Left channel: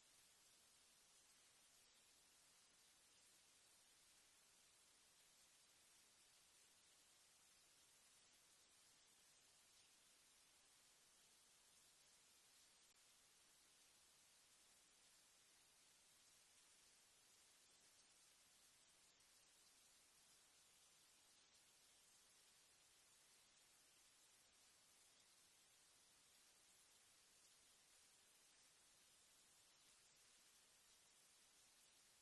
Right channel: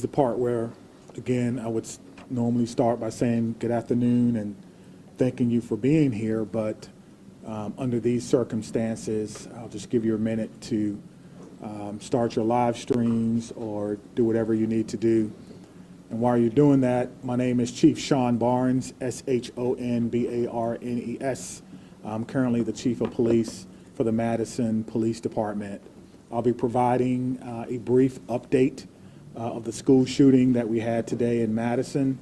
is the part where, again, I would normally start by saying good afternoon and thanking you for being here, but under these circumstances, I'll just give you a minute to start your live streams or do whatever you need to do. And while you're doing that, my name is Chief Sean Barnes, S-H-O-N-B-A-R-N-E-S. I'm currently the Chief of Police for the Madison Police Department. I'll be providing a brief update of the school shooting that we had today in Madison.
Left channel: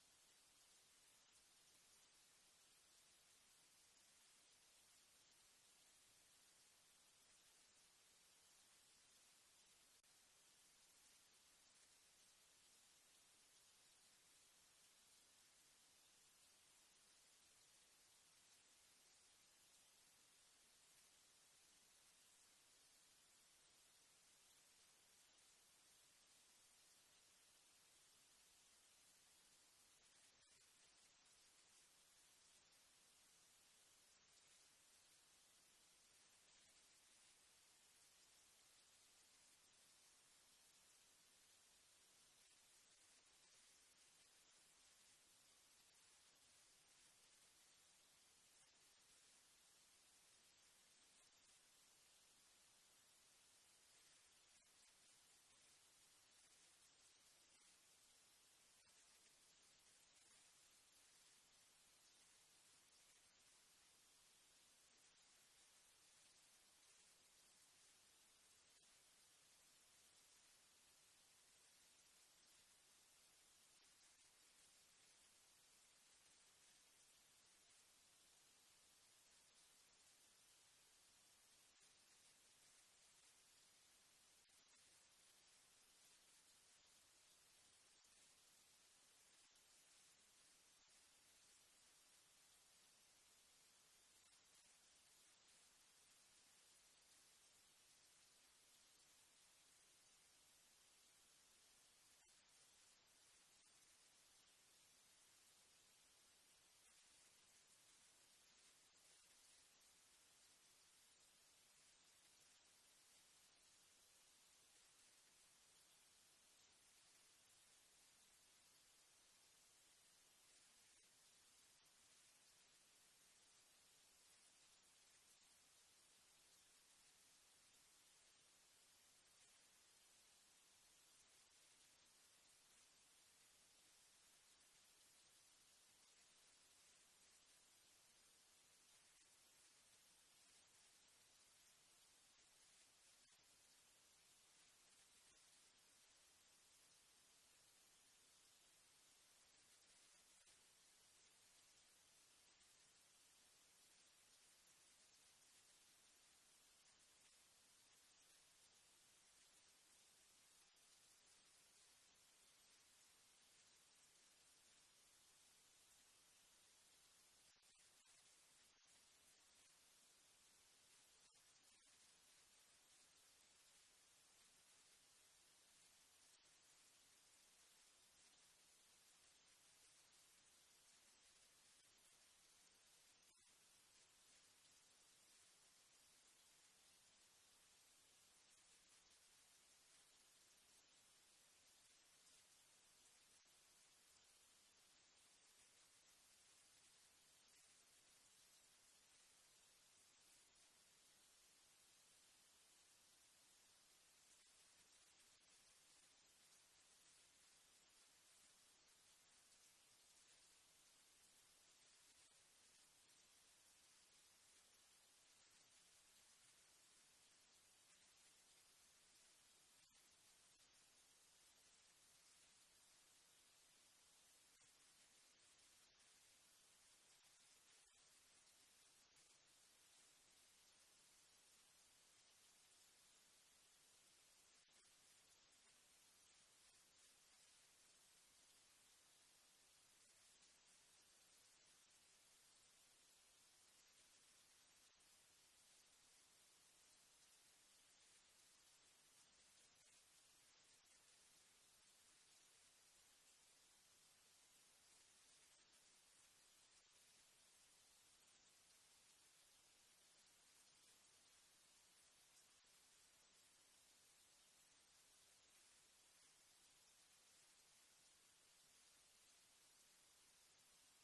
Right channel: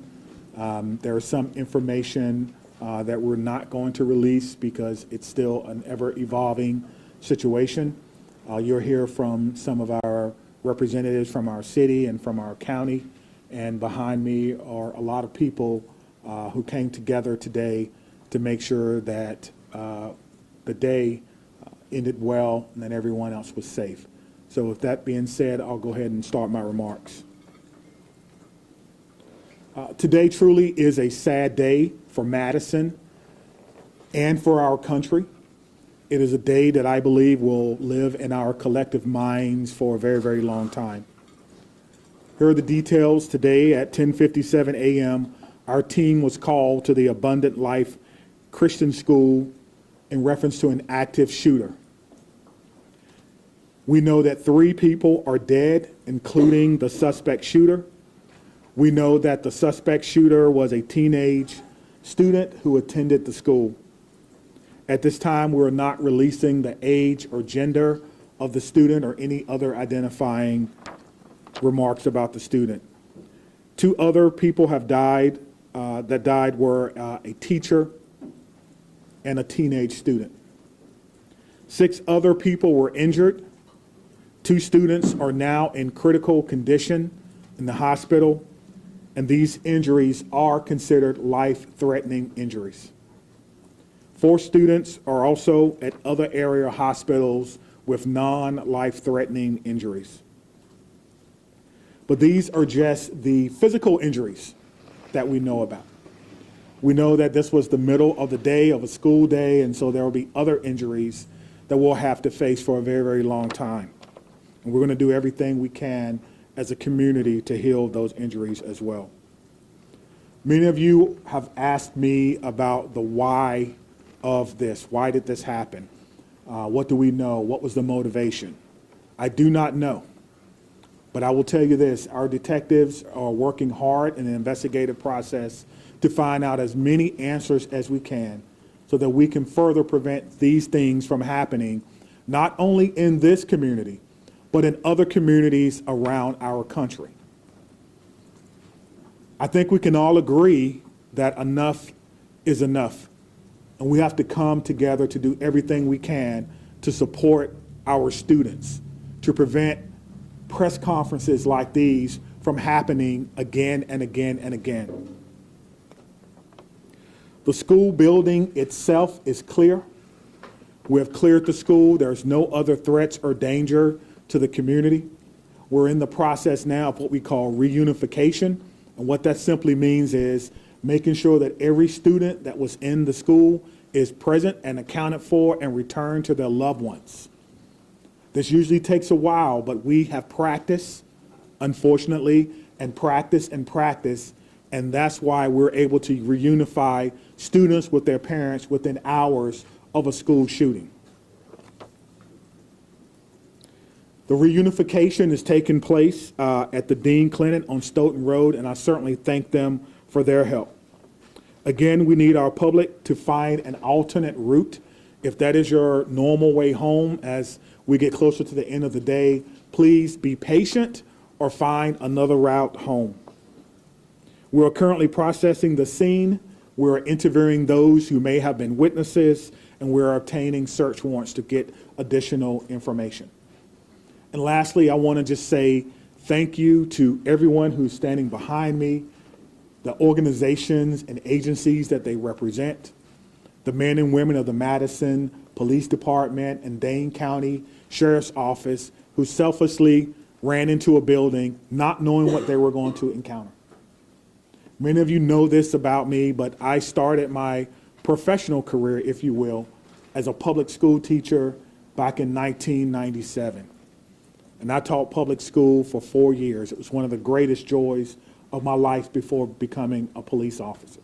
There is some information that we're not going to release because it's still an ever-evolving situation. You'll hear from some of our representatives from our city and from our county. And behind me are a lot of people who came together today to make sure that the day ended well and that everyone else was safe. So with that being said, I'll go ahead and start my remarks. Today truly is a sad day for Madison and for our country. It is a day that I believe will live in our collective minds for a very, very long time. Here are the details. Today at 10:57 a.m., our team was called to the Abundant Life Christian School in reference to an active shooter. We know that 3 people are dead, including the suspect shooter. We know that the suspect shooter was a teenage student who attended the school. At this time, we're not releasing the age or gender of the student or any other identifying remarks about the student. 2 other people have died. That died were a teacher and a teenage student. 6 other people were injured. 2 students are now in critical condition in the hospital, and these injuries are considered life-threatening injuries. 4 students are also at other area hospitals with non-life-threatening injuries. But these are just the physical injuries that we know about. We know that this was the middle of the day of a school day, and so there will be other injuries that we'll have to face for a very, very long time. And we're going to do everything we can as a community to heal those injuries as well. Many of you have asked me about the why of this. Why did this happen? What do we know? What was the motivation? I do not know. But I will tell you this, our detectives are working hard in the investigative process to find out as many answers as we can so that we can further prevent these things from happening, not only in this community, but in other communities around our country. I think we can all agree that enough is enough, and we have to come together to do everything we can to support our students, to prevent press conferences like these from happening again and again and again. The school building itself is clear. We have cleared the school. There's no other threats or danger to the community. We're in the process now of what we call reunification. And what that simply means is making sure that every student that was in the school is present and accounted for and returned to their loved ones. This usually takes a while, but we have practiced, unfortunately, and practice, and that's why we're able to reunify students with their parents within hours of a school shooting. The reunification is taking place at the Dean Clinic on Stoughton Road, and I certainly thank them for their help. Again, we need our public to find an alternate route. If that is your normal way home as we get closer to the end of the day, please be patient or find another route home. We're currently processing the scene. We're interviewing those who may have been witnesses, and we're obtaining search warrants to get additional information. And lastly, I want to just say thank you to everyone who's standing behind me, the organizations and agencies that they represent, the men and women of the Madison Police Department and Dane County Sheriff's Office who selflessly ran into a building not knowing what they were going to encounter. Many of you know this about me, but I started my professional career, if you will, as a public school teacher back in 1997. And I taught public school for 4 years. It was one of the greatest joys of my life before becoming a police officer.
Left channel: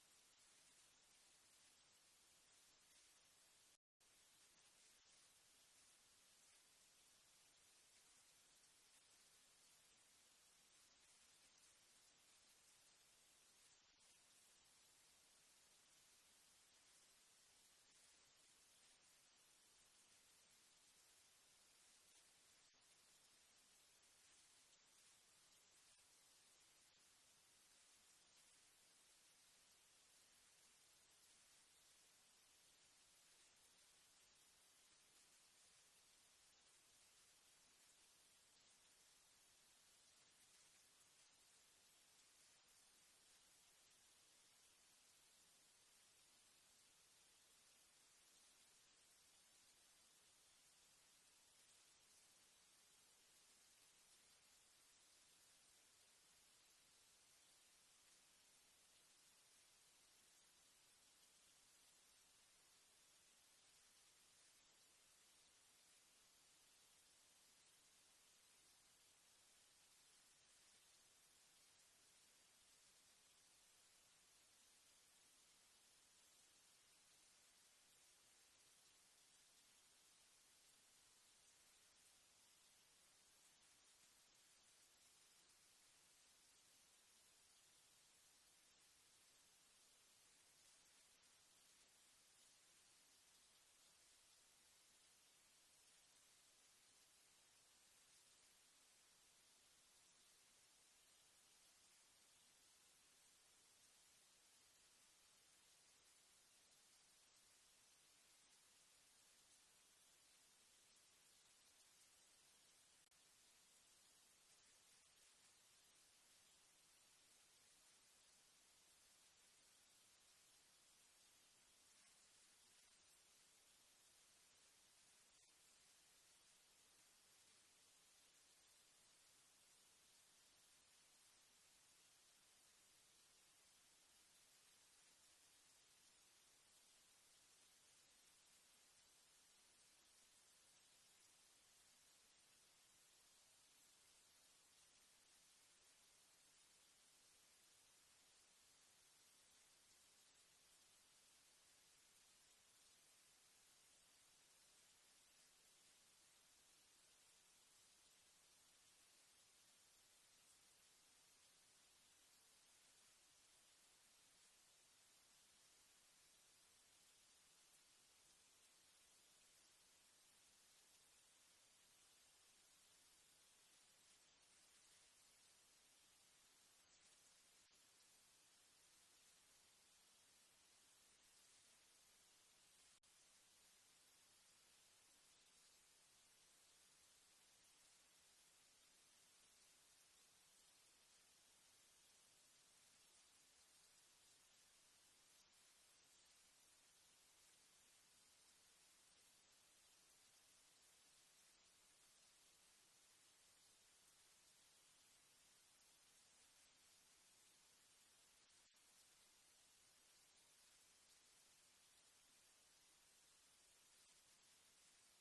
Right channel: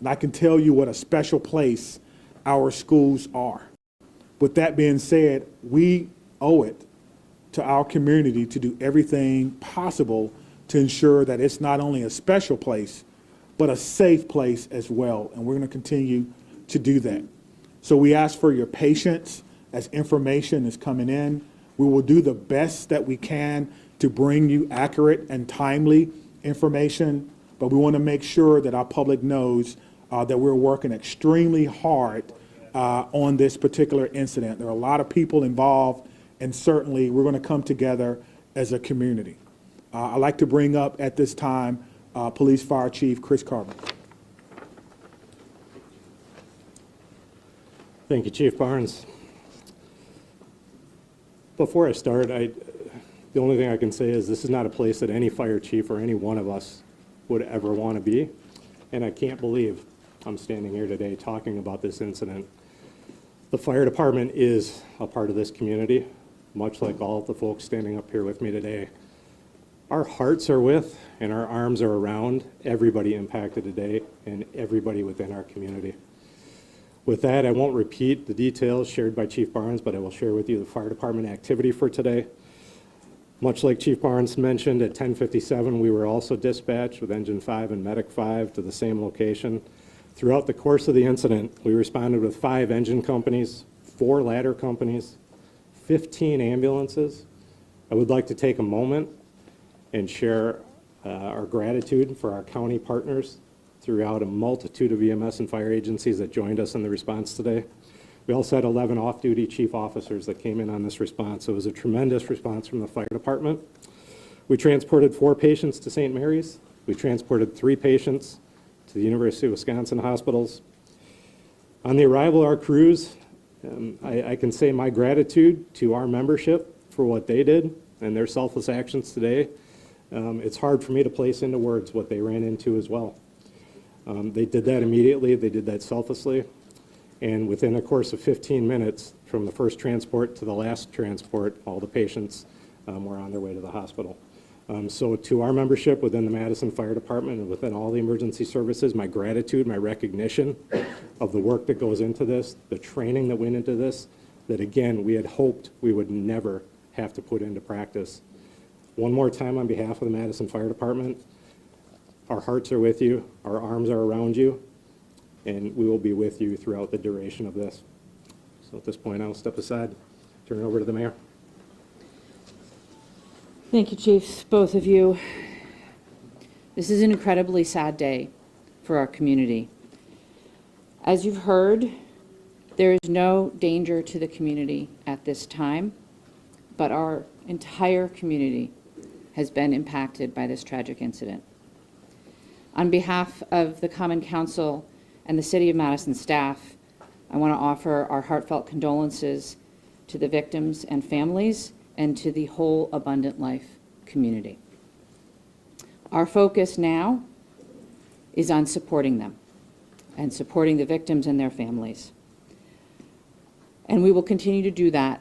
And I can tell you what a special place our schools are. With that being said, we owe it to our community to do everything possible to ensure that it's not only a special place, but a safe place as well. And we're going to continue to do that. So we ask for your patience as information is coming in. We will do the best that we can to bring you accurate and timely information, but we want to make sure that our public knows that we're working extremely hard on this particular incident. There are a lot of people involved, and certainly we're going to come together as a community. I'd like to bring up at this time Police Fire Chief Chris Carver. Thank you, Chief Barnes. Before I start, the only thing I can say is this is not a place that any fire chief or any one of us would ever want to be, and I can't believe I'm standing here today talking about this incident. The fire department is a part of this community, much like all of the folks standing up here with me today. Our hearts are with and our arms are around everybody impacted today and everybody within our community. With that, I won't repeat the details shared by Chief Barnes, but I will share with you the fire department activity for today. Much like Chief Barnes mentioned, at 10:57, we were also dispatched with Engine 5 and Medic 5 to the same location. Throughout the course of the incident, we responded with 5 engine companies, 4 ladder companies, 15 ambulances. I would like to take a moment and share our gratitude for our county partners throughout a multitude of EMS and fire agencies that joined us in the response today. We also had 11 off-duty chief officers that came in on this response, so it was a tremendous response from the fire department. We transported 4 patients to St. Mary's. We transported 3 patients to the University of Wisconsin hospitals. On the arrival of our crews, I can say my gratitude to our membership for what they did and their selfless actions today. It's hard for me to place into words what they ran into as well. They did that immediately, they did that selflessly, and within a course of 15 minutes from the first transport to the last transport, all the patients were on their way to the hospital. So to our membership within the Madison Fire Department and within all the emergency services, my gratitude, my recognition of the work that goes into this, the training that went into this, that again, we had hoped we would never have to put into practice. One more time on behalf of the Madison Fire Department, our hearts are with you, our arms are around you, and we will be with you throughout the duration of this. So at this point, I'll step aside, turn it over to the mayor. Thank you, Chiefs, both of you. This is an incredibly sad day for our community. As you've heard, there is no danger to the community at this time, but our entire community has been impacted by this tragic incident. On behalf of the Common Council and the City of Madison staff, I want to offer our heartfelt condolences to the victims and families and to the whole Abundant Life community. Our focus now is on supporting them and supporting the victims and their families. And we will continue to do that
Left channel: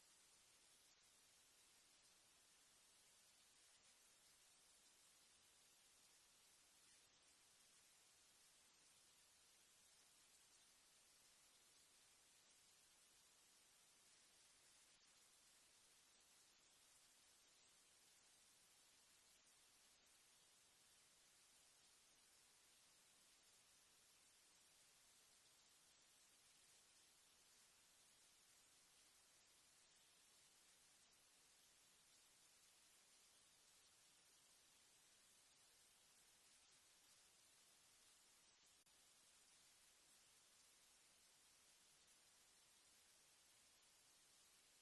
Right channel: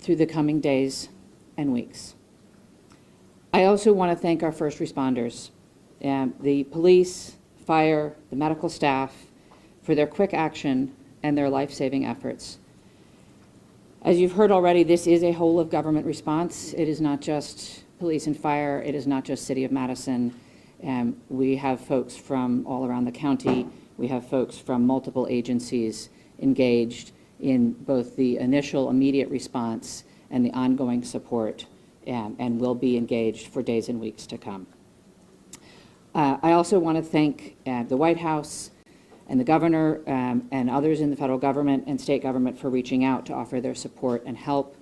through the coming days and weeks. I also want to thank our first responders, the police, fire, the medical staff, for their quick action and their life-saving efforts. As you've heard already, this is a whole of government response. It is not just police and fire. It is not just City of Madison. We have folks from all around the county. We have folks from multiple agencies engaged in both the initial immediate response and the ongoing support, and will be engaged for days and weeks to come. I also want to thank the White House and the governor and others in the federal government and state government for reaching out to offer their support and help.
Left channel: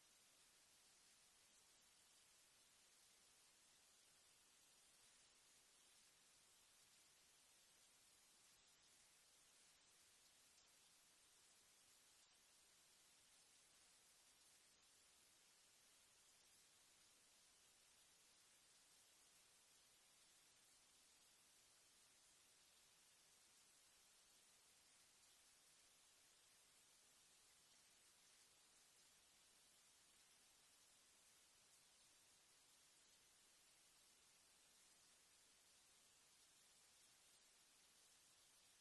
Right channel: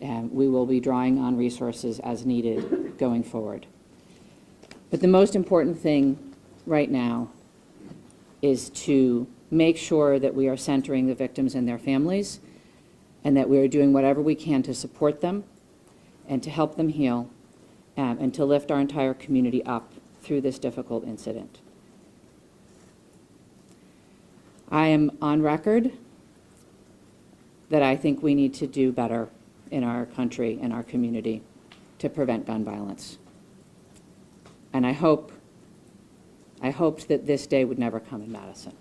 We will be drawing on resources as needed going forward. But the most important thing right now is to make sure that we are centering the victims and their families, and that we are doing whatever we can to support them and to help them heal, and to lift our entire community up through this difficult incident. I am on record that I think we need to do better in our country and our community to prevent gun violence. And I hoped that this day would never come in Madison.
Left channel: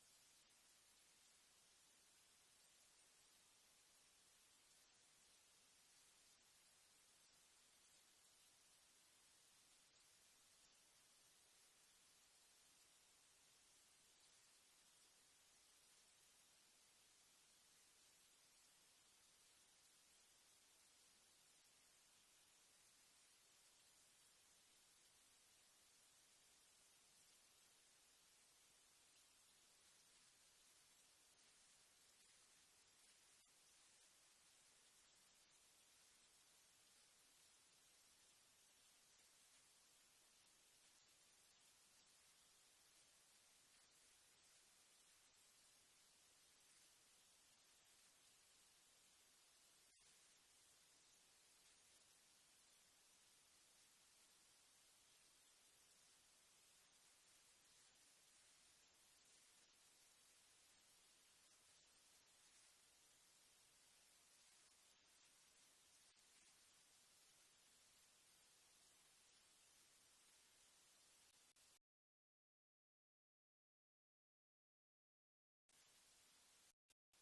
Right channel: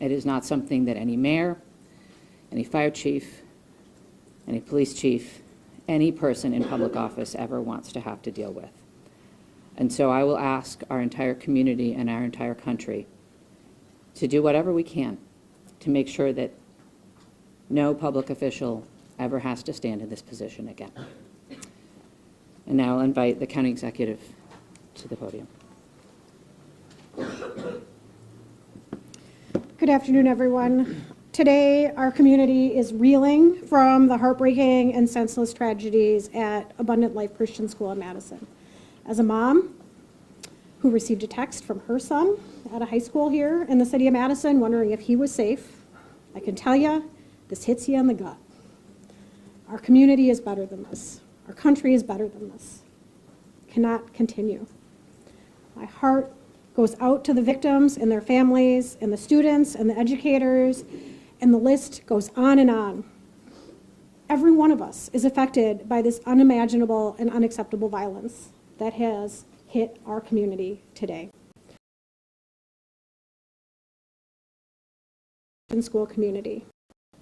It is not something that any mayor, any fire chief, any police chief, any person in public office ever wants to have to deal with. And so I will ask our entire community and our entire country to do whatever we can to make sure that no public official ever has to stand in this position again. And now I'll invite the county executive to the podium. Good afternoon, everyone. Today, our community is reeling from the heartbreaking and senseless tragedies at Abundant Life Christian School in Madison. As a mom who received a text from her son at a high school here in the city of Madison wondering if he was safe, I can tell you, this hits you in the gut. Our community is better than this. Our country is better than this. Cannot continue. My heart goes out to the victims and their families and the students and the educators, and the list goes on and on. Every one of us is affected by this unimaginable and unacceptable violence that has hit our community today. School community.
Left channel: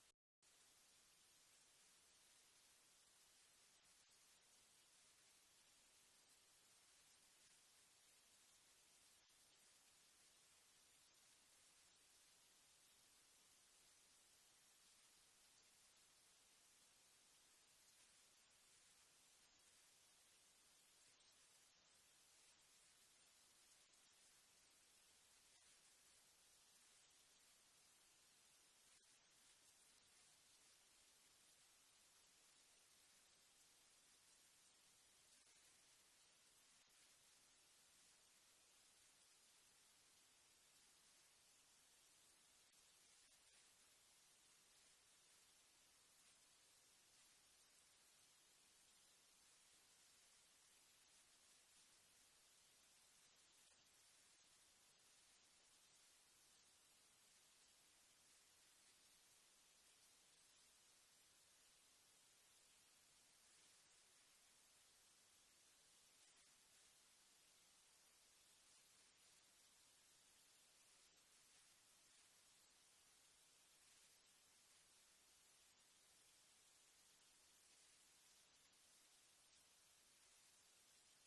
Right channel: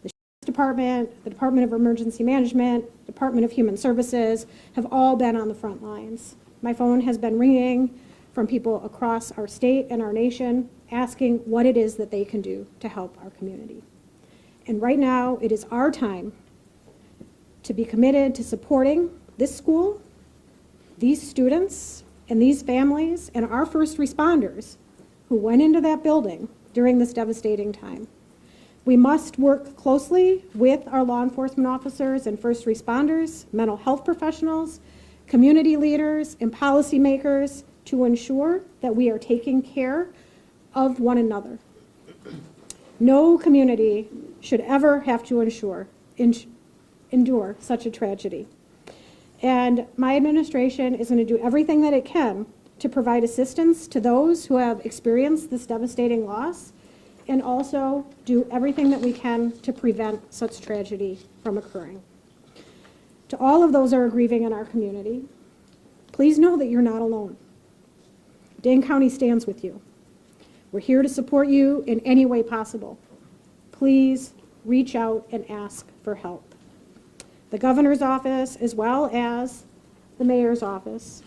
The Sheriff's Department, the Department of Emergency Management, Department of Human Services have all been on the front lines. My phone has been ringing from people across our state and our nation asking what it is that they can do to help our community. And right now, it is our time to be committed to supporting this school, these students, and these families, and our first responders who went into that building during this devastating time. We must work closely with our law enforcement officers and first responders, mental health professionals, community leaders, and policymakers to ensure that we are taking care of one another. No community should ever have to endure such a tragedy. And my administration is going to do everything that it can to provide assistance to those who have experienced this devastating loss, and also do everything that we can to prevent such tragedy from occurring. To all of those who are grieving in our community, please know that you're not alone. Dane County stands with you. We're here to support you in any way possible. Please reach out and ask for help. The governor's office, as well as the mayor's office,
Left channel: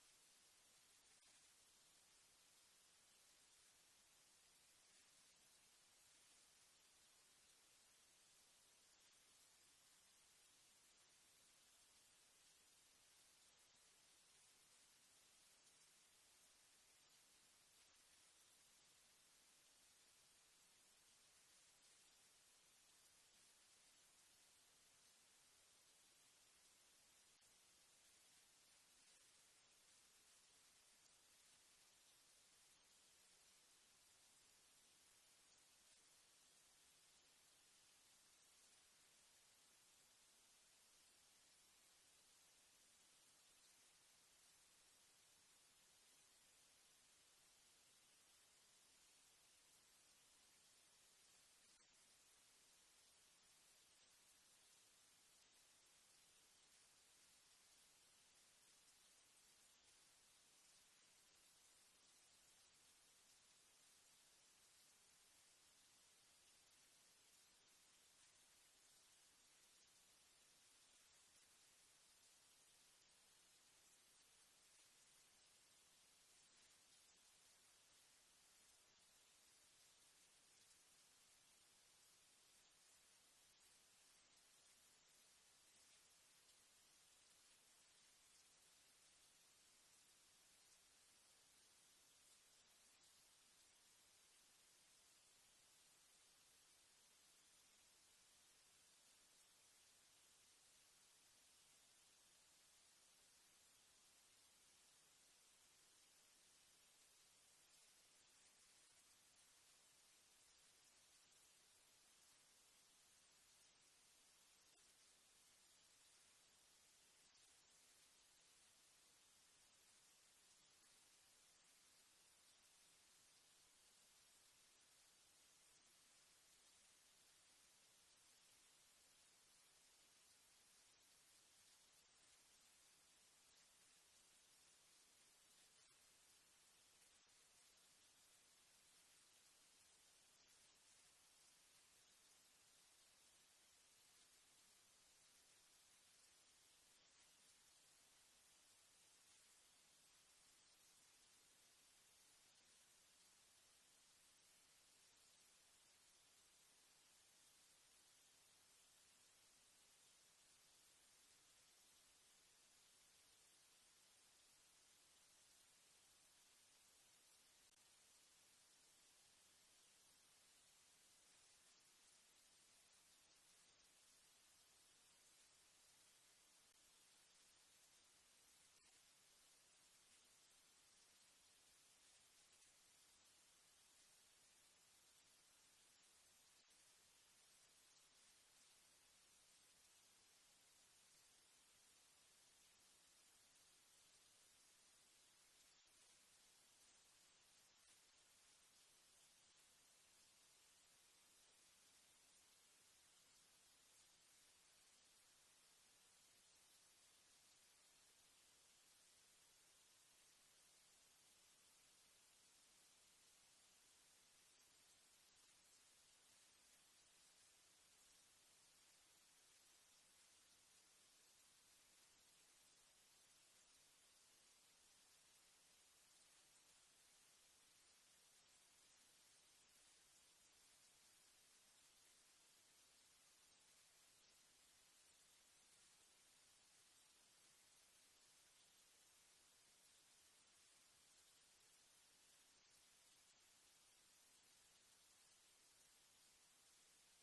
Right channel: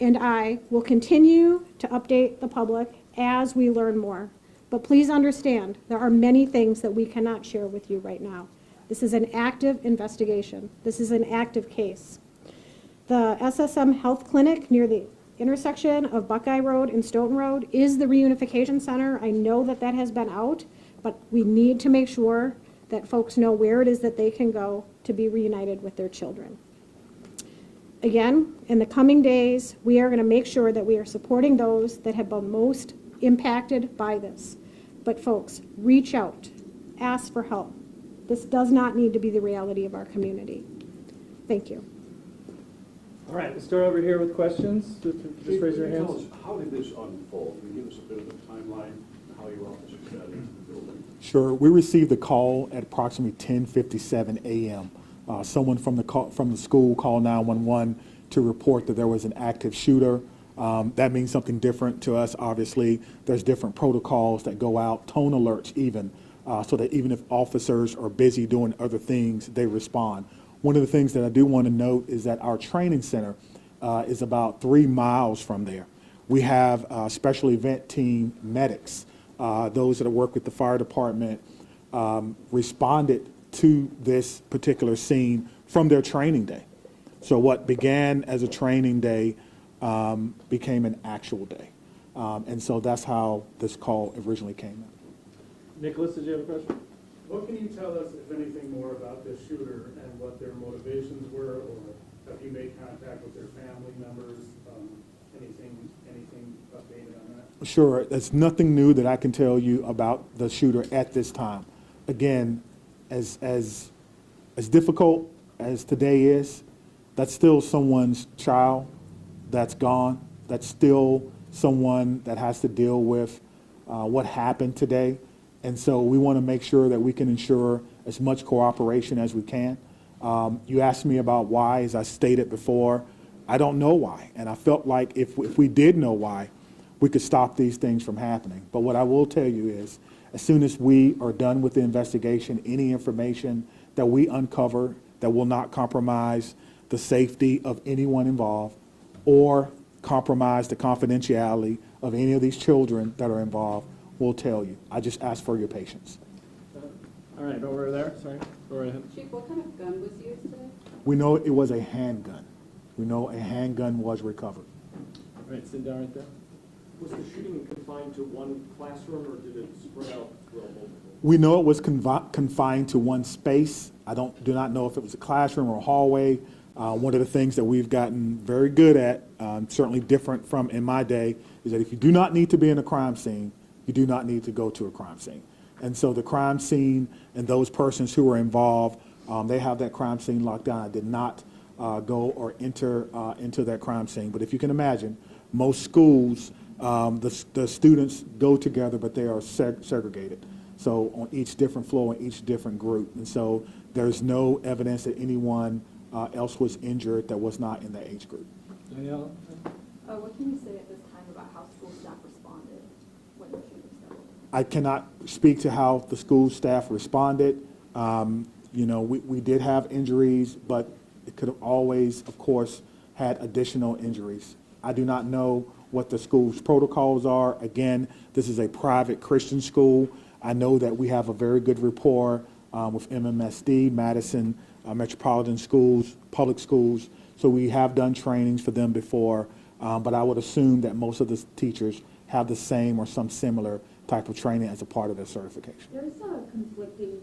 and I will continue to update the public as we learn more. But please understand, there are many things that we cannot share with you right now. This is an active investigation. This is an active case. The SSM Health Clinic near the intersection of Buckeye Road and Stoughton Road is the Reunification Center. I know that that has been out, but we need to make sure that folks know where it is that they can go to be reunited with their children. Again, in the coming days, we are going to make sure that we are supporting those that have been most impacted by this. But folks, reach out, ask for help. This does not need to be the reality of our community. Thank you. All right, we'll start over here with questions. Just raise your hands. Tell us, how did this unfold? Can you give us a bit of a timeline, how your officers got into the building? Sure. We received the call at approximately 10:57 a.m. Someone from the school called 911 to report that there was an active shooter. That means something different to us, obviously. There's different protocols that go out, tone alerts even, so that even if officers are busy doing other things, they respond. One of the things that I do want to note is that our training center is about 3 miles from there. We have special event team medics, those that work with the fire department, responded to this particular scene from their training day. So what began as a training day became an actual day. And so that's how this call originally came in. Nicholas, did you have a question? What can you tell us, if anything, more about this shooter and what their motivations were, or have you made contact with their family members? Anything updated on that? Sure. There's nothing new that I can tell you about the shooter at this time. Again, as difficult as today is, that's still someone's child that's gone. That's still someone that has to deal with what happened today. And so we want to make sure that we can ensure as much cooperation as we can. You asked me about why, as I stated before, I don't know why. And I felt like if we did know why, we could stop these things from happening. But what I will tell you is, as soon as we are done with the investigation, any information that we uncover that will not compromise the safety of anyone involved or compromise the confidentiality of any of these children that are involved, we'll tell you. I just ask for your patience. All right, over there, sorry, go right ahead. Chief, what kind of gun was used today? We know it was a handgun. We know a handgun was recovered. All right, sit down right there. Was the shooting confined to one classroom, or did it spread out throughout multiple? We know it was confined to one space. I do not know if it was a classroom or a hallway. One of the things that we've gotten very good at, certainly different from in my day, is that if you do not need to be in a crime scene, you do not need to go to a crime scene. And so the crime scene and those persons who were involved, they have that crime scene locked down. I did not go or enter into that crime scene. But if you can imagine, most schools, the students go together, but they are segregated. So on each different floor, on each different group. And so there's no evidence that anyone else was injured that was not in the age group. Danielle? What can you say at this time about how school staff responded when the shooting started? I cannot speak to how the school staff responded. You know, we did have injuries, but it could have always, of course, had additional injuries. I do not know what the school's protocols are. Again, this is a private Christian school. I know that we have a very good rapport with MMSD, Madison Metropolitan Schools, public schools. So we have done trainings for them before, but I would assume that most of the teachers have the same or some similar type of training as a part of their certification. There's conflicting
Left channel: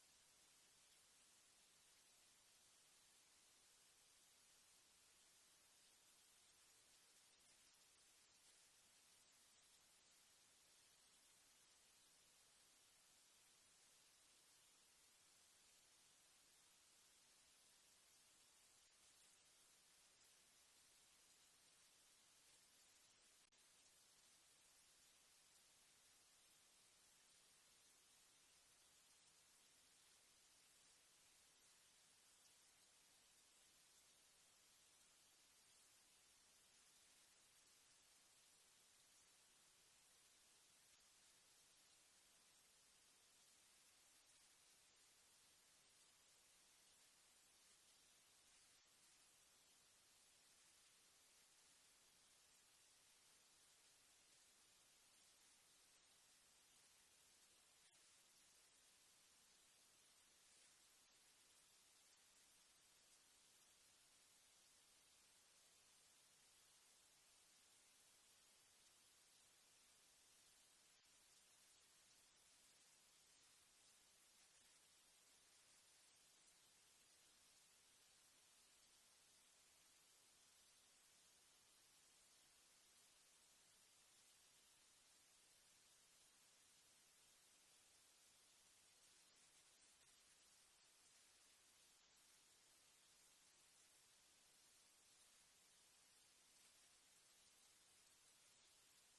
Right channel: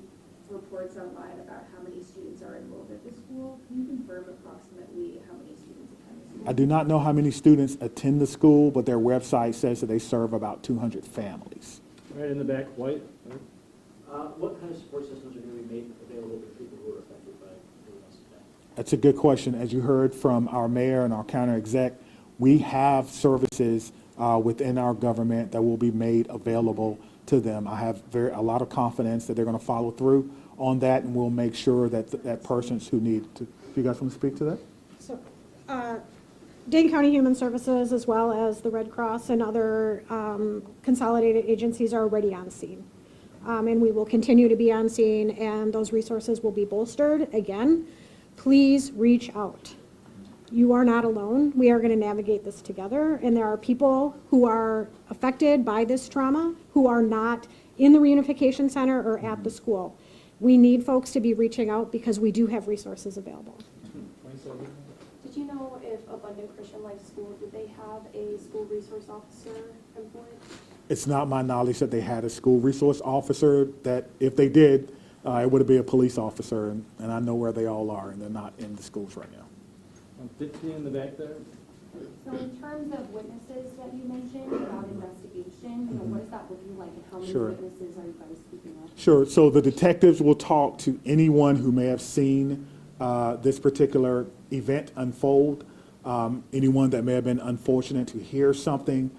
reports online about how many students are enrolled at the school. Can you confirm approximately how many students attend the school? I do not know how many students attend the school, but their website says that they serve about 200 families. Right in the back, white. What kind of support systems are going to be made available to people who are affected by the attack? That's a good question. As you heard from our mayor and our county exec, we have services within our government that will be made available to them. I have a lot of confidence that they're going to follow through on that, and we'll make sure that that persons who need to. Do you guys want to speak to that? So, Dane County Human Services, as well as the Red Cross and other consolidated agencies, are already on scene. And we will continue to be on scene, and those resources will be bolstered. Again, please reach out. You are not alone. We are going to navigate this together, and there are people who are affected by this trauma who are not in the Reunification Center or at the school. We need folks to be reaching out because we do have resources available. Did you know if Abundant Christian Life School, did they have a school resource officer employed? It's not my knowledge that they had a school resource officer, that if they did, it would be a police officer, and I know where they all are, and they're not in the schools right now. Dixie in the back there. So in terms of witnesses that you mentioned about investigation, what is that looking like, and how many Sure. witnesses are you guys speaking of? Sure. So the detectives will talk to anyone who may have seen this particular event unfold, anyone that may have been unfortunate to hear something.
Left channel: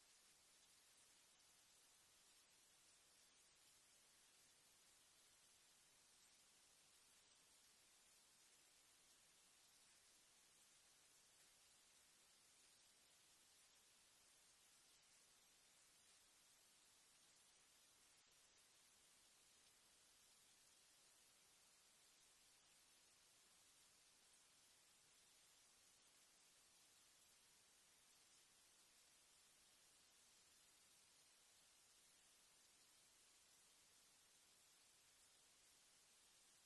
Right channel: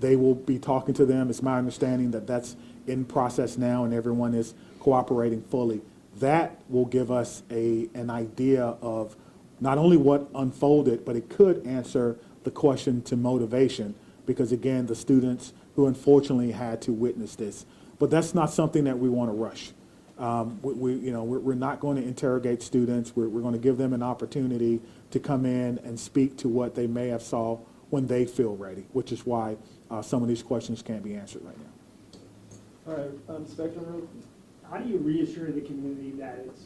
They will be talking to them. It's my understanding that that's in process now, and everyone is cooperating fully. That will give us an idea of not only what unfolded, but it could answer the question to motivation, because again, the students who unfortunately had to witness this. But that's not something that we want to rush. We're not going to interrogate students. We're going to give them an opportunity to come in and speak to what they may have saw when they feel ready, which is why some of these questions can't be answered right now. All right, Spectrum Road. How do you reassure the community that it's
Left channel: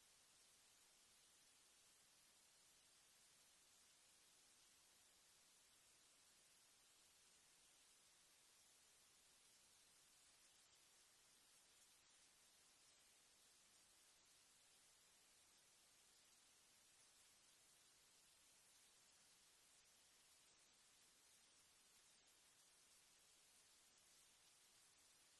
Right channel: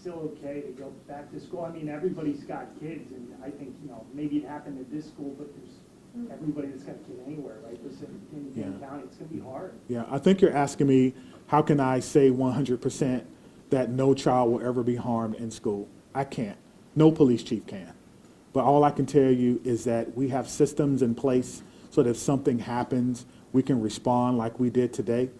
still okay to go back to school? I mean, everybody's got kids, and I think, maybe it happened at this school, but there's everybody that's got a kid anywhere, right? This in Dane County, it's gonna be hard. Yeah, I think you're asking me, how can I say 100% that no child will ever be harmed in school? I can't. No police chief can. But all I can tell you is that we have systems in place so that if something happens, we can respond like we did today.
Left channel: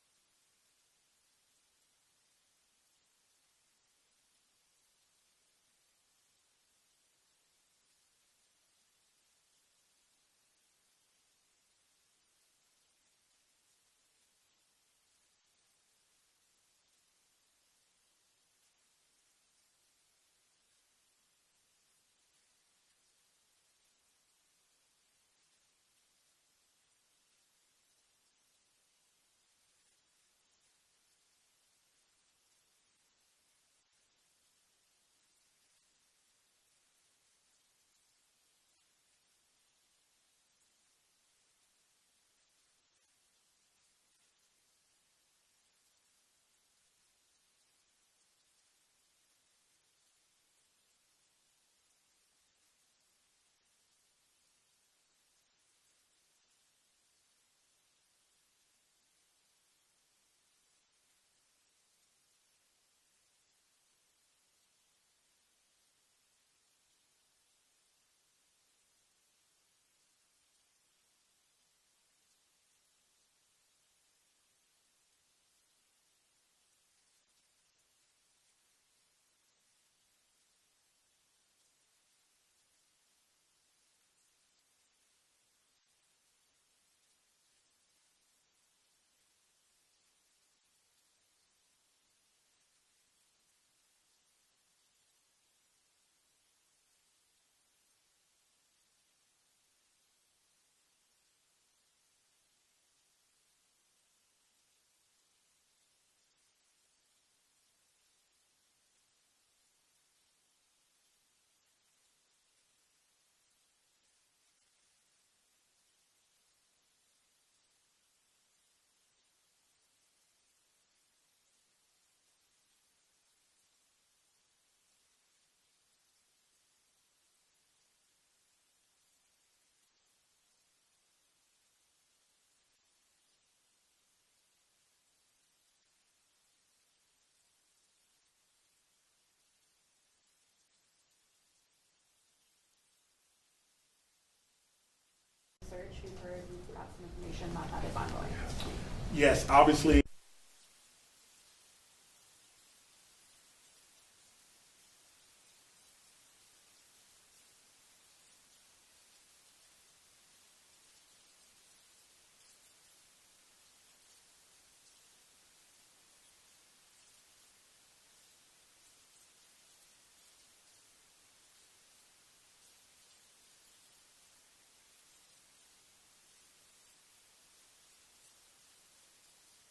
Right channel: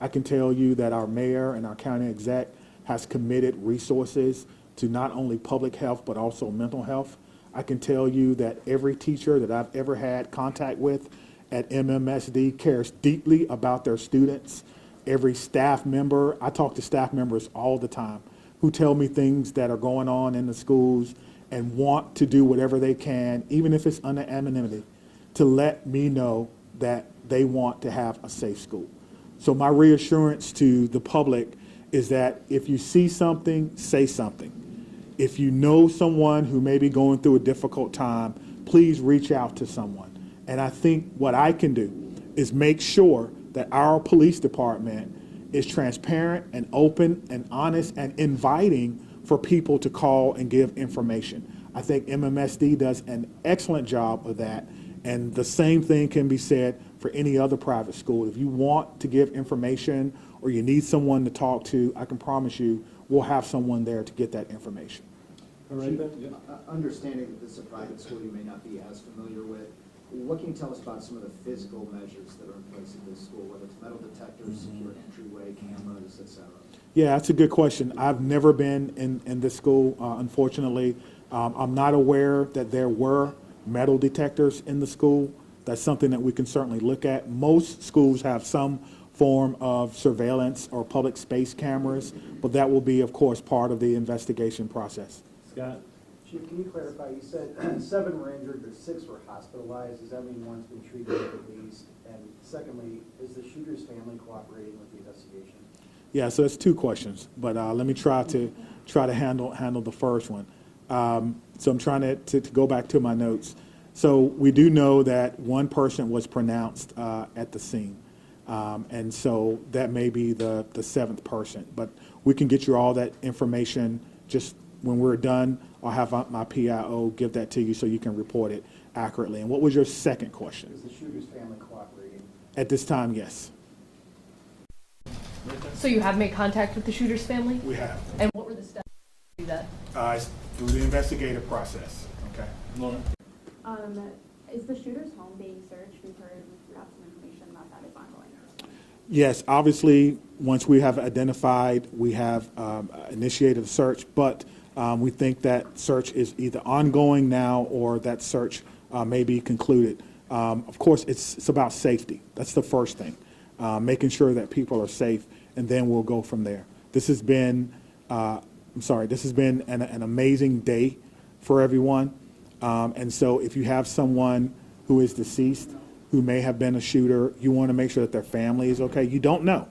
I can tell you that our mayor and our county exec has committed resources to not only public health, but also mental health. I can tell you that every teacher that I've ever had contact with at MMSD cares deeply about their students. Every staff member, I talk to staff members all the time who tell me things that are going on in the schools, and want to do whatever they can, even if it's under anonymity, to let me know that they want to have a safe school. So my reassurance to the public is that if you see something, say something. If you know someone who may be going through a difficult time, please reach out to someone. And I think what I can do is make sure that our police department is transparent and open and honest and inviting for people to call and give information. I think MMSD does an excellent job of that, and the same thing can be said for any other private school. If you want to give information or you need someone to talk to, I can promise you we'll have someone there to get that information. All right, then? Understanding that this is a private school you may not be as familiar with, what can you tell us about some of the physical measures that are in place at this school, whether it's metal detectors, secure entryway, cameras, et cetera? Yeah, that's a good question. I've never been in this school, unfortunately. I'm not aware that there were metal detectors in the school. That's something that we can certainly look at. Most schools have some form of surveillance or public space cameras, but that will be, of course, part of the investigation process. Scott? Chief, can you clarify, you said 7 were injured, but 6 were hospitalized. Does that mean one's been treated at least? And secondly, is the shooter's family cooperating with the investigation? Yeah, so that's 2 questions, but let me try to handle the first one. So I'm trying to go back to my notes. So we do know that 1 person was pronounced at the scene, and so that may be the 7th person. But we can get you all that information just when we're done. I'll have my PIO give that to you so you can report it accurately. And what was your second question? Is the shooter's family cooperating? At this time, yes. So you have made contact with the shooter's family? We have. And what were the steps to do that? It's through the investigative process. Okay. Lauren? Is the shooter's home being searched? We've got some information about that is ongoing. Yes, obviously, once we have identified, we have initiated a search, but we think that search is either ongoing now or that search may be concluded. Of course, it's about safety. That's the first thing, making sure that people are safe, and then we'll go from there. This has been, this has been an amazing day for everyone. And so if you have someone who is deceased, who may have been a shooter, you want to make sure that their family is okay. You don't know.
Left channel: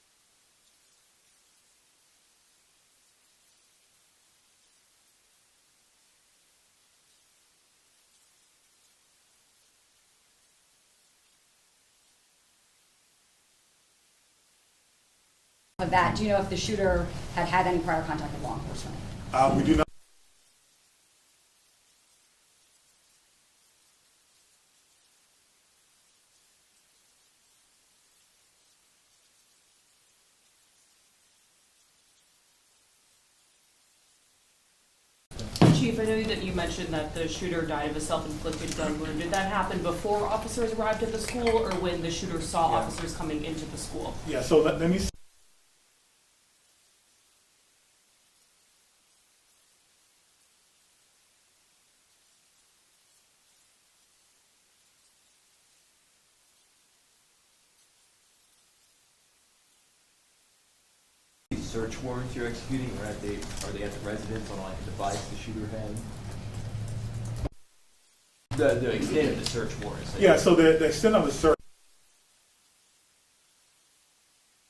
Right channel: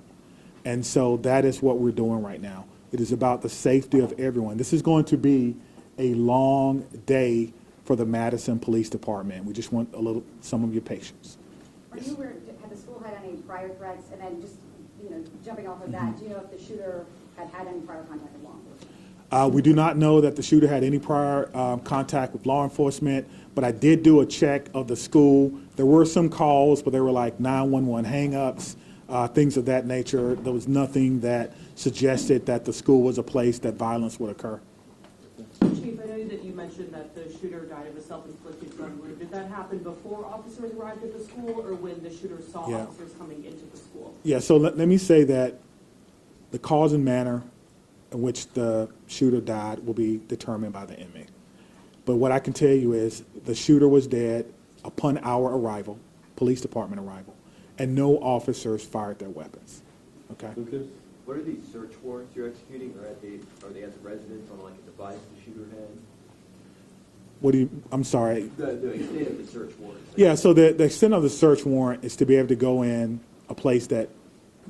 And so that is what we're doing right now. It is about the safety of everyone. This is going to be a long day for the Madison Police Department. We just want some of your patience. Are you aware, had the school had any prior threats? And then just, jumping off of that, do you know if the shooter had any prior contact with law enforcement? We do not know that the shooter had any prior contact with law enforcement, but I did do a check of the school. There were some calls, but they were like 911 hang-ups, things of that nature. There was nothing that suggested that the school was a place that violence would occur. Chief, I know that you mentioned that the shooter died of a self-inflicted gun wound. Did that happen before officers arrived at the school or when the shooter saw officers coming into the school? Yeah, so let me say that the cause and manner in which the shooter died will be determined by the inmate. But what I can tell you is the shooter was dead upon our arrival, police department arrival, and no officers fired their weapons. Okay? Lucas? What are these search warrants you're executing? Are they at the residence on like a device the shooter had? What do you, I'm sorry. The extent of the search warrants. Yeah, so the extent of the search warrant is to be able to go in a place that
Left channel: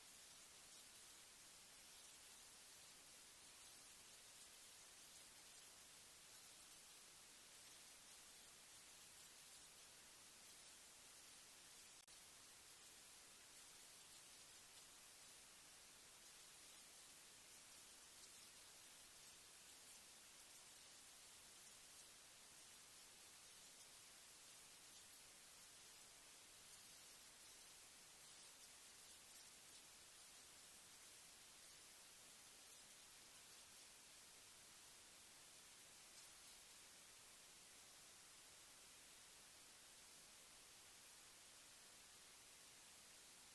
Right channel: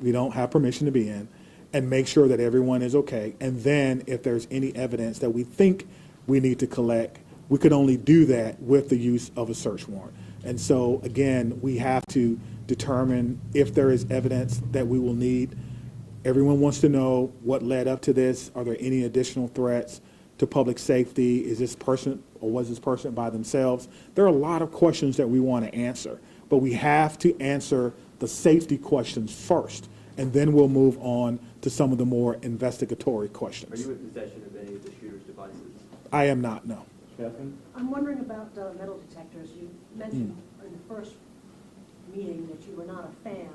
we don't have permission to be in and make sure that everyone is okay. And then if there's any evidence that we think we need to collect, we could only do that with the use of a search warrant. And so, again, we have to determine if there is evidence that we will need. Everyone wants to know what led up to this. Are there any additional threats to public safety? Is this person or was this person by themselves? There are a lot of questions that we want to answer, but we have to answer the safety questions first, and then we'll move on to some of the more investigatory questions. Are you in possession of any of the shooter's devices? I am not, no. Catherine? I'm wondering about metal detectors. You mentioned in the first meeting that you were not a fan,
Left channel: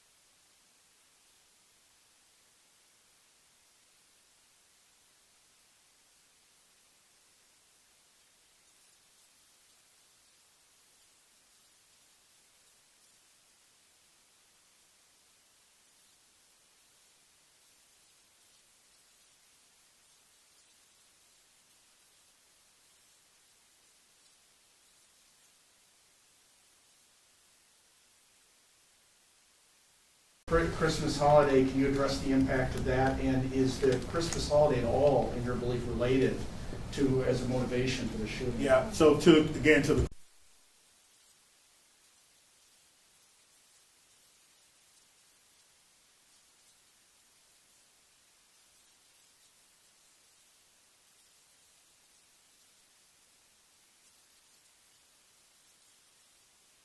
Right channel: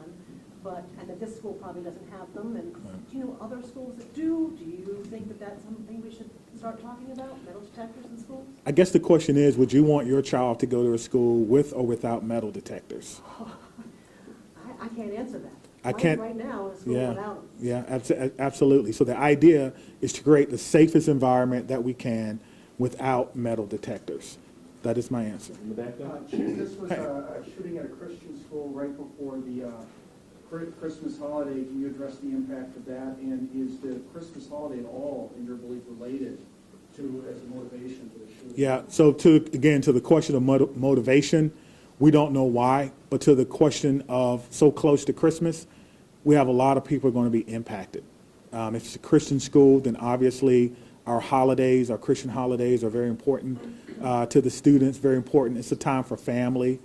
and that this school probably doesn't have them. And do you know other schools that do? Do you think that that's something we should start talking about, metal detectors in schools? I guess the question is, would you want your child to go to a school with or without metal detectors? I can't answer that. I can't. Right now, in a school without them. Yeah, absolutely. So the idea is to create the safest environment that we can. without metal detectors. That is my answer. Chief, this was a shooting at a Christian school right before the Christmas holiday. Can you address the impact of that? And is the Christmas holiday at all, in your belief, related to as a motivation for the shooting? Yeah, so to the question of motivation, we don't know why, but to the question of so close to Christmas, we have a lot of people going to be impacted. If it's a Christian school, then obviously our holidays, our Christian holidays are very important to the students, very important. It's a time for family.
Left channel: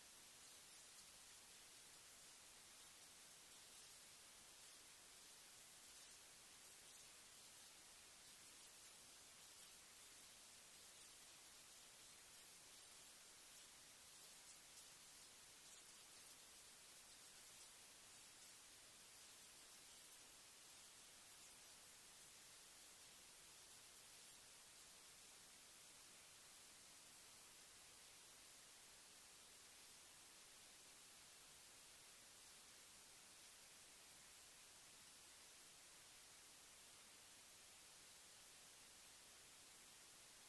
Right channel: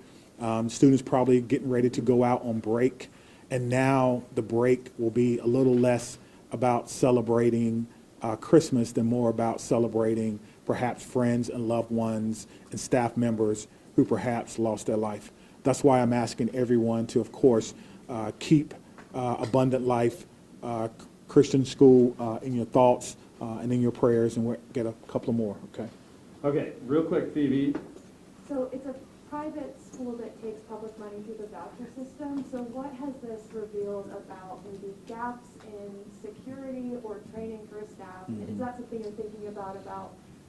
Students probably getting ready to go out on break, and now the break will be a little less about celebrating Christmas than more about celebrating perhaps friends and loved ones and staff members who perhaps lost their life. That's why I'm asking everyone to, of course, keep Abundant Life Christian School in your thoughts and in your prayers, and we'll get a couple more, okay? Okay, real quick, Phoebe. So it's a private school that takes public money through the voucher system. So what has this revealed about maybe gaps in security or training for staff? Mm-hmm. Is that something you're thinking about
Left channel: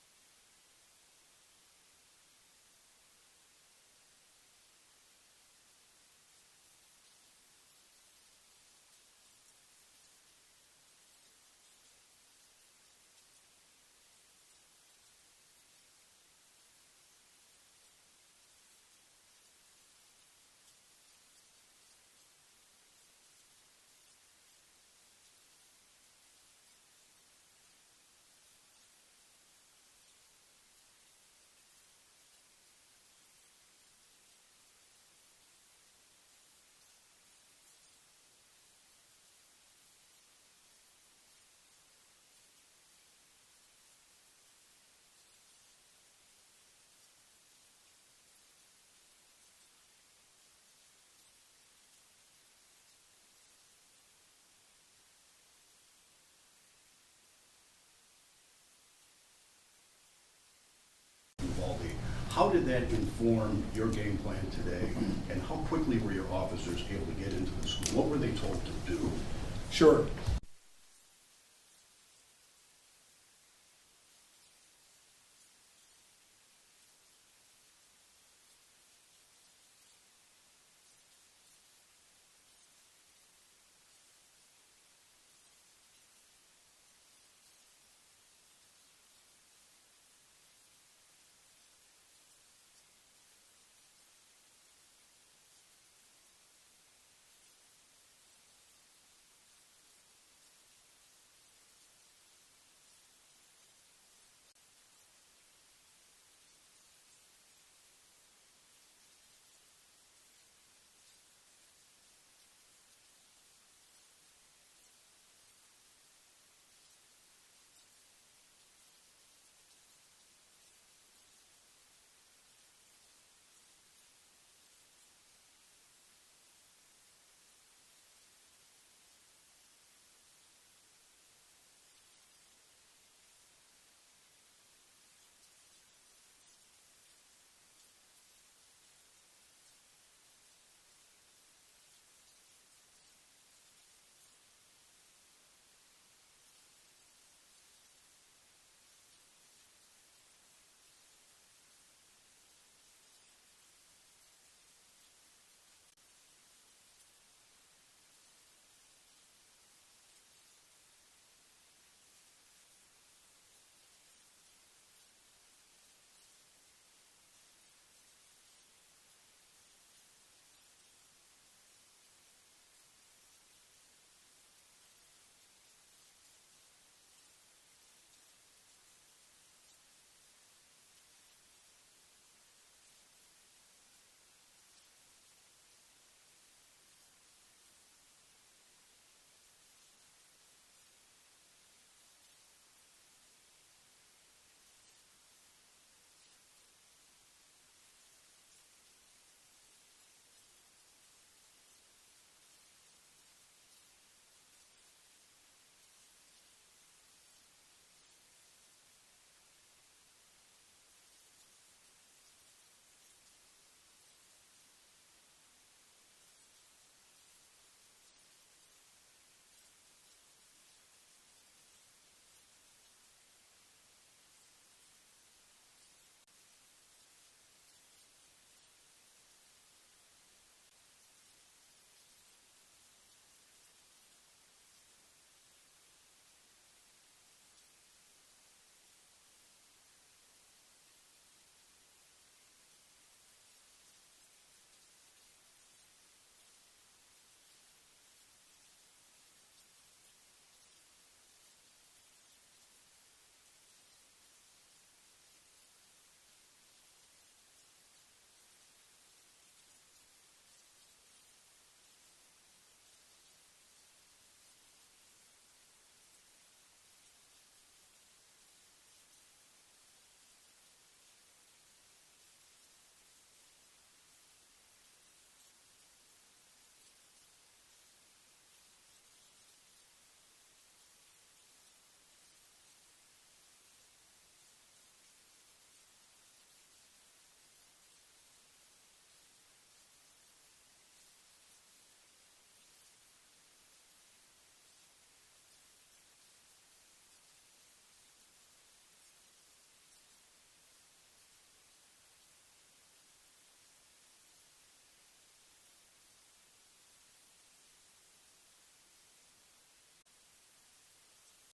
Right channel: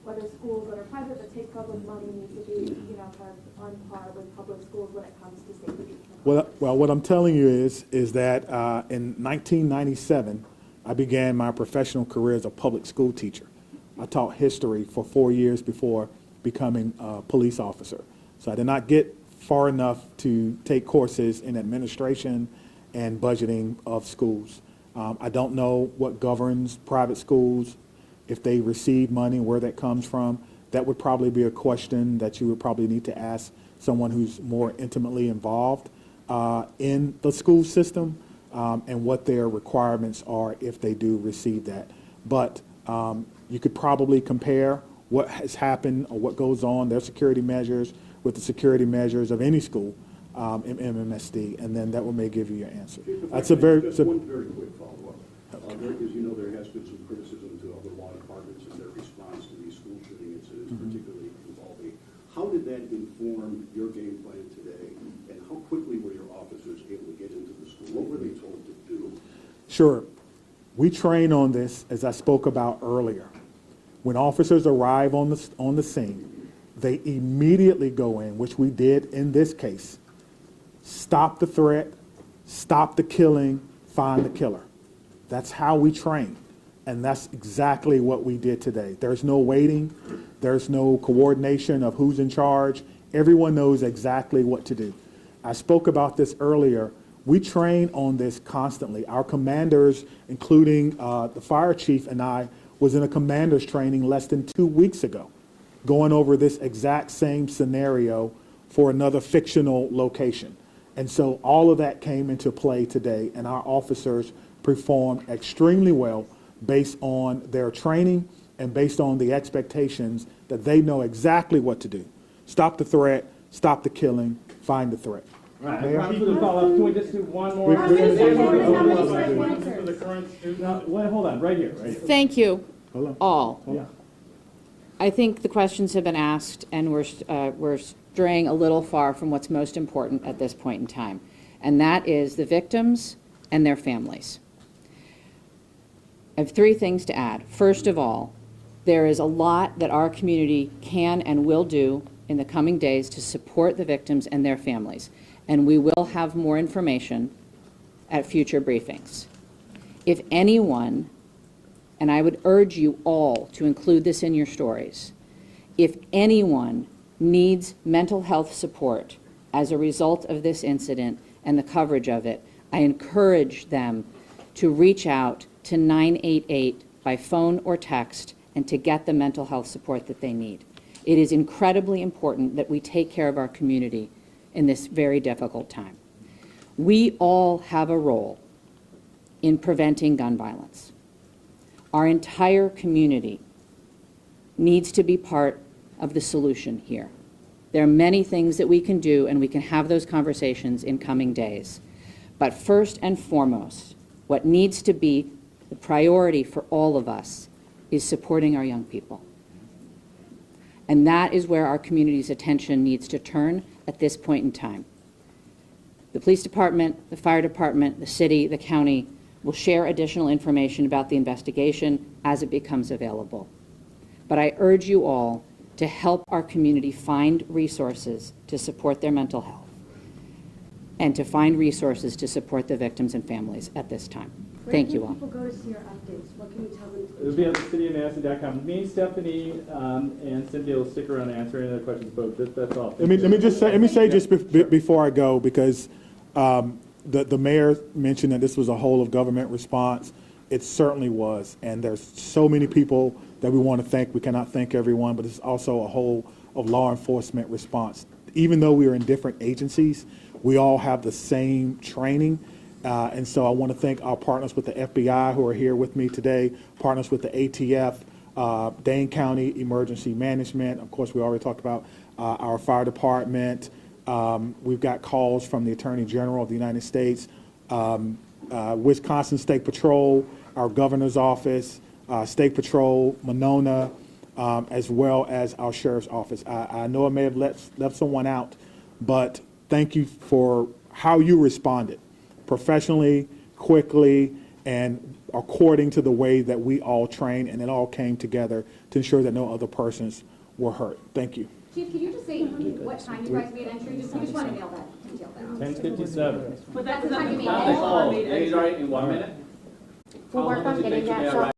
whether schools that are private that take public money need to be, kind of on par with public schools when it comes to safety? Well, what I'm telling you is that in 1997, I began my professional career as a public school teacher. I taught history for 4 years before becoming a police officer. So I did not get far enough to take courses in administration and budgeting of schools. I don't know what governs private schools, if they receive money, where that comes from. That would probably be a question that you would probably need to ask someone who's more intimately involved in the school system and what their requirements are if they do receive that. But you could probably compare what has happened or what goes on, their security measures, with the security measures of any school in MMSD, and then that may give you your answer. That's a very... Just one very quick follow-up. As you know, there has been some criticism to other law departments and their response to these school shooting incidents, particularly involving. How did that inform your game plan today, and how quickly were your officers able to get into the school? What were they told to do? Sure. We train on this, as I spoke about earlier. When officers arrive on the scene, they immediately go in, which we did in this case, stop the threat, stop the killing, find the killer. That's how we train, and that's exactly what we did today. There's no waiting. There's no coordination of who's in charge. Everyone knows exactly what to do. I spoke about this earlier. We train on this constantly. Our commanders, including the fire chief and I, was in a commander's training less than 2 weeks ago, going over this exact same scenario for another fictional location. And so all of that came into play today, and our officers performed extremely well based on their training and based on the expectations that they know exactly what to do. Stop the threat, stop the killing, find the threat. All right, I promise to follow up. Can we just do one more? Hold on, right here. Thank you, all. Yeah. I think the questions have been asked, and we're straying a little far from what's most important at this point in time, and that is the victims and their families. I have 3 things to add. First of all, there is a lot that our community can and will do in the coming days to support the victims and their families, and we will have more information at future briefings. If anyone, and I would urge you all to include this in your stories, if anyone needs mental health support as a result of this incident and the coverage of it, I encourage them to reach out to 988 by phone or text and to get the mental health support that they need. It is incredibly important that we take care of our community in this very difficult time. We all have a role in preventing gun violence. Our entire community needs to be part of the solution here. There are many things that we can do, and we can have those conversations in coming days. But first and foremost, what needs to be the priority for all of us is supporting our young people. And that is where our community's attention needs to turn at this point in time. The police department, the fire department, the city, the county will share additional information about the investigation as it becomes available. But I urge you all to help our community find resources to support their mental health and to find resources to support the victims and families at this time. Thank you all. Where can people go to see your updates? What can you tell them? It'll be on cityofmadison.com. Me, Stephanie, and Cynthia will stick around and answer any other questions, but that's all. Let me say just before I go, because the mayor mentioned that this was a whole of government response. It certainly was, and there's so many people that we want to thank. We cannot thank everyone, but it's also a whole of law enforcement response. Even though we are in different agencies, we all have the same training. And so I want to thank our partners with the FBI who are here with me today, partners with the ATF, Dane County Emergency Management. Of course, we already talked about our fire department. We've got calls from the Attorney General of the United States, Wisconsin State Patrol, our governor's office, State Patrol, Monona, as well as our sheriff's office. I know I may have left someone out, but thank you for how you responded, professionally, quickly, and according to the way that we all trained, and it all came together to ensure that no other persons were hurt. Thank you. Chief, can you just say what time you guys made entry? We just want to nail that detail down. 10:57. That's the time you made Oh, entry. he's right in 1 minute? We'll work on getting that.